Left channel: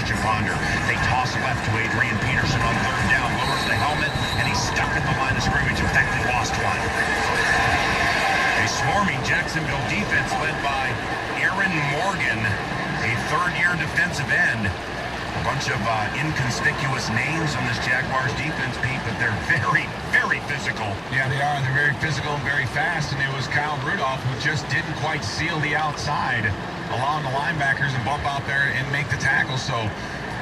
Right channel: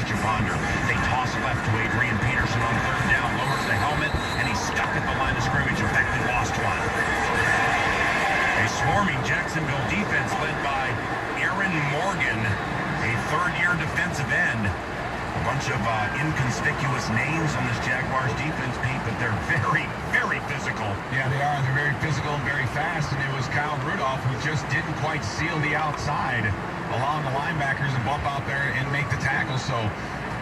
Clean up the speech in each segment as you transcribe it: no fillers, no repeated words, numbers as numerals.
Christian Ponder. They toss left to Adrian Peterson on third down, lowers the helmet, and he's stuck at the line of scrimmage. In fact, he lost one. A swarming Jacksonville defense led by Aaron Morgan, a third-year defensive end. A bunch of inconspicuous names on this Jaguars defense, Pete, but they're very, very physical. Yeah, they are, and they're very physical and very fast, and it was Kyle Rudolph who just didn't quite seal the outside, allowing the linebackers to bump out there and make the tackle. So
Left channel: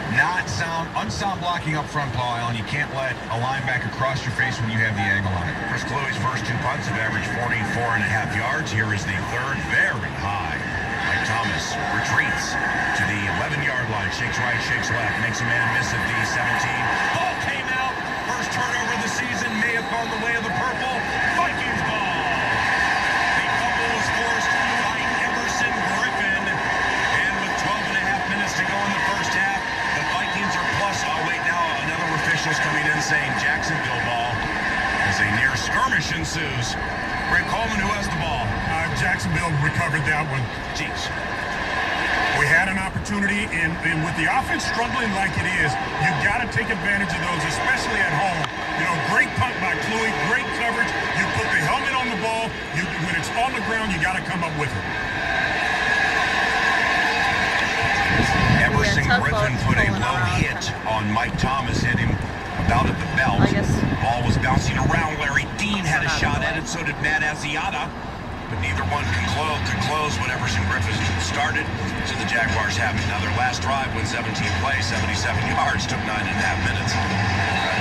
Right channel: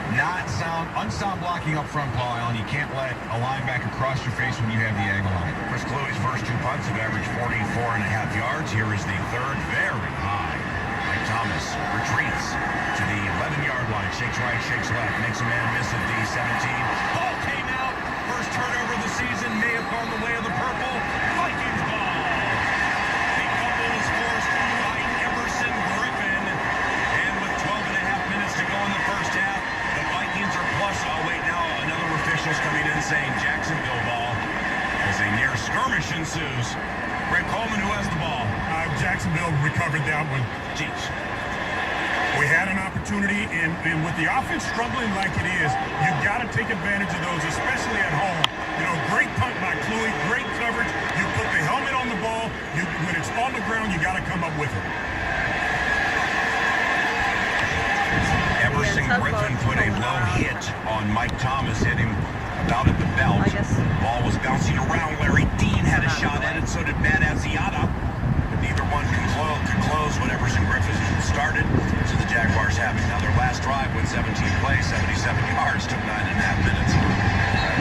unsound blocking up front, Paul Allen. You can't let a linebacker cross your face when you have the angle on it. Chris Cluey's first two punts have averaged 44.5 yards. Here is the third, very high. Mike Thomas retreats to the 11-yard line, shakes right, shakes left, makes a man miss at the 17. Ball came out. First turnover of the season, may have gone the way of the purple. Vikings ball. The fumble was forced by Emerson Griffin. And with 12.5 minutes to go in the first half, the Vikings are plus. Oh, wait, now another official's coming in saying Jacksonville ball as a near skirmish ensues. Brent Coleman, who has the ball. Jacksonville recovered that one. Jeez. We had an opportunity, and with the offense struggling like it is, you've got to take advantage of those, especially at home. You know, great punt by Cluey, great coverage. You put the helmet on the ball. When it's on the ground, you got to come up with it. Emerson Griffin put a low hit on Mike Thomas, hit him about at the belt. Ball was bouncing around. Larry Dean had a shot at it, so did Matt Asiata. But neither one could close what Emerson Griffin started, so the Jaguars have it. Now their last drive went 17 plays, 77 yards, took 9.5 minutes.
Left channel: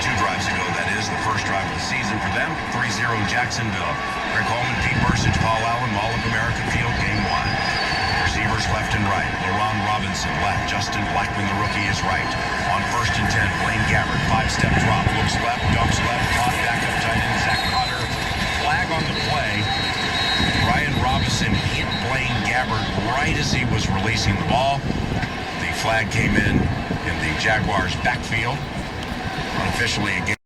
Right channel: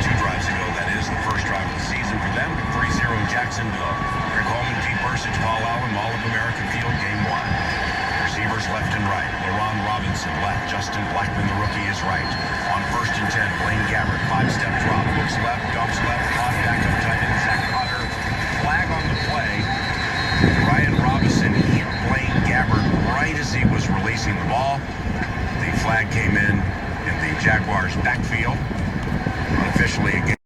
2 drives ago, that is, the first drive of the season for them. 3-0 Jacksonville. Greg Holman, Pete Burson, Paul Allen, Mall of America Field, game 1. Receivers left and right. LaRon Robinson left. Justin Blackman, the rookie, is right. On 1st and 10, Blaine Gabbert, 5-step drop. Looks left, dumps left, caught back up tight end Zach Cotter. Flag on the play. Brian Robinson hit Blaine Gabbert right as he was releasing the ball. The flag came in the Jaguars' backfield. Officially again.